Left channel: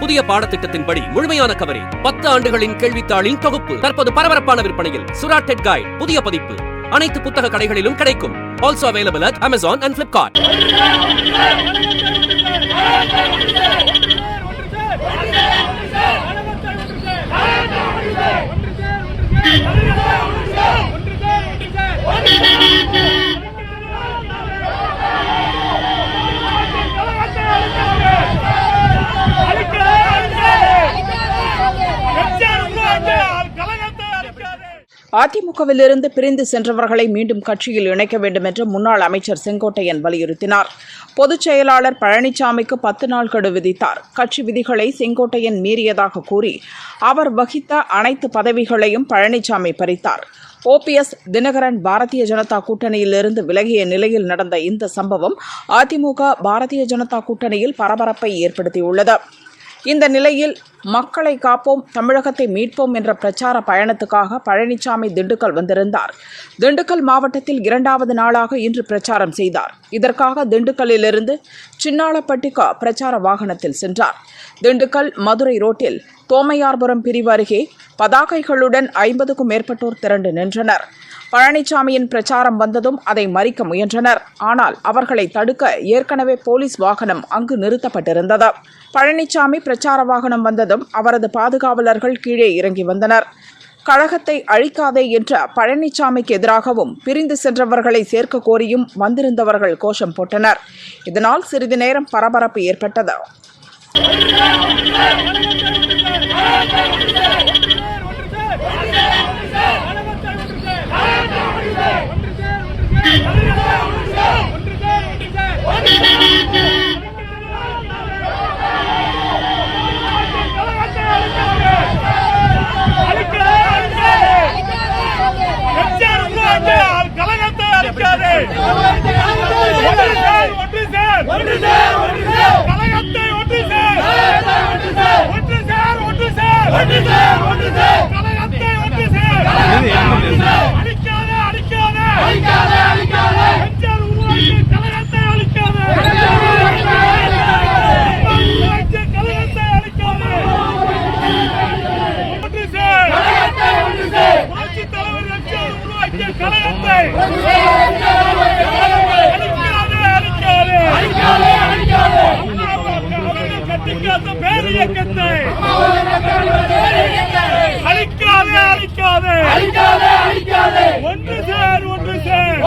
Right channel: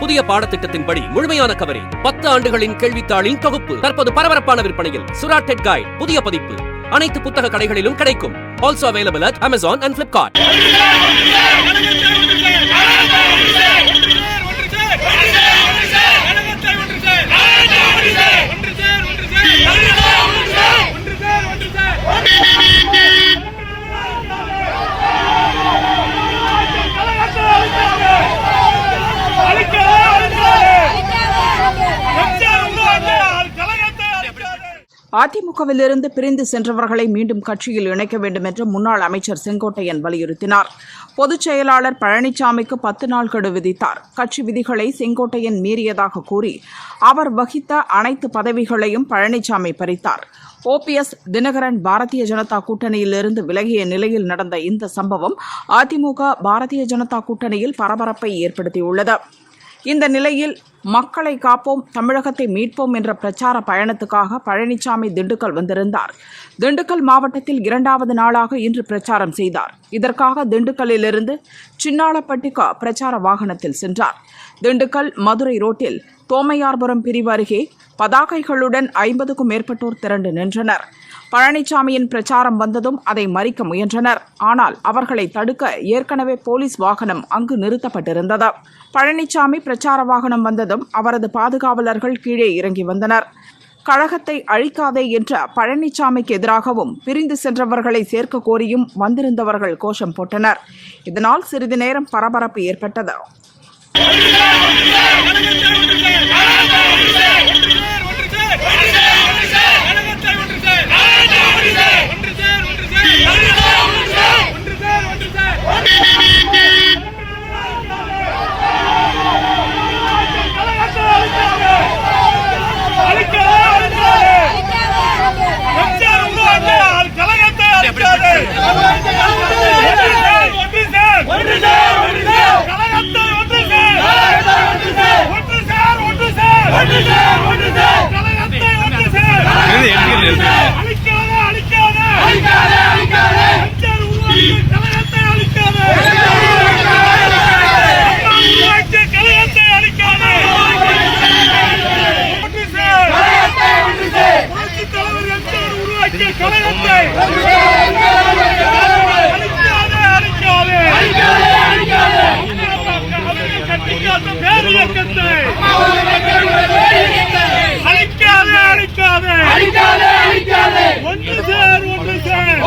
புதிய பாடத்திட்டத்தின்படி முழுமையான கவரேஜ், 10 ஆண்டுகளின் கேள்வித்தாளின் தொகுப்பு தற்போது பரபரப்பான விற்பனையில். சுரா டெட் கைட் புதிய பதிப்பு அனைத்து புத்தக கடைகளிலும் கிடைக்கும். Also available at Amazon and Flipkart. அதிமுகவிலிருந்து பிரிந்து சென்றவர்களை மீண்டும் கட்சியில் இணைக்க வேண்டும் என்று முன்னாள் அமைச்சர் செங்கோட்டையன் வலியுறுத்தினார். பொதுச் செயலாளர் பழனிசாமிக்கு 10 நாள் கெடு விதித்தார். கட்சி விதிகளை செங்கோட்டையன் மீறியதாக கூறி அவர் வகித்த அனைத்து பதவிகளையும் பழனிசாமி பறித்தார். OPS தினகரன் பாரதிய ஜனதா கூட்டணியிலிருந்து விலகிய நிலையில் நடந்த இந்த சம்பவம் அதிமுக பாரதிய ஜனதா கூட்டணியில் பரபரப்பை ஏற்படுத்தியுள்ளது. இந்த நிலையில் மக்களை காப்போம், தமிழகத்தை மீட்போம் என்ற பிரச்சார பயணத்துக்காக பழனிசாமி திண்டுக்கல் வந்திருந்தார். திண்டுக்கல் மாவட்டத்தில் 2வது நாளாக இன்று பிரச்சாரம் செய்தார். இதற்காக திண்டுக்கல்லிலிருந்து சின்னாளப்பட்டிக்கு பிரச்சார வாகனத்தில் சென்றார். திண்டுக்கல் மதுரை ரோட்டில் தோமையார்புரம் பிரிவு அருகே பதாகைகளுடன் 50க்கும் மேற்பட்டோர் திரண்டு நின்றனர். பழனிசாமியின் பிரச்சாரம் வந்ததும் அதை மறிக்க முயன்றனர். ஆனால் அவர்களை தடுக்க ஏற்கனவே போலீஸ் வாகனம் அங்கு நிறுத்தப்பட்டிருந்தது. பழனிசாமி பிரச்சார வாகனம் வந்ததும் அவரது பாதுகாவலர்கள் கீழே இறங்கி வந்தனர். கழகத்தை அழிக்காதே என்ற பழனிசாமிக்கு எதிராகவும் பிரிந்து சென்றவர்களை சேர்க்க கோரியும் வந்திருந்தவர்கள் கோஷம் போட்டனர். இதனால் சிறிது நேரம் பரபரப்பு ஏற்பட்டது. ஒன்று சேர்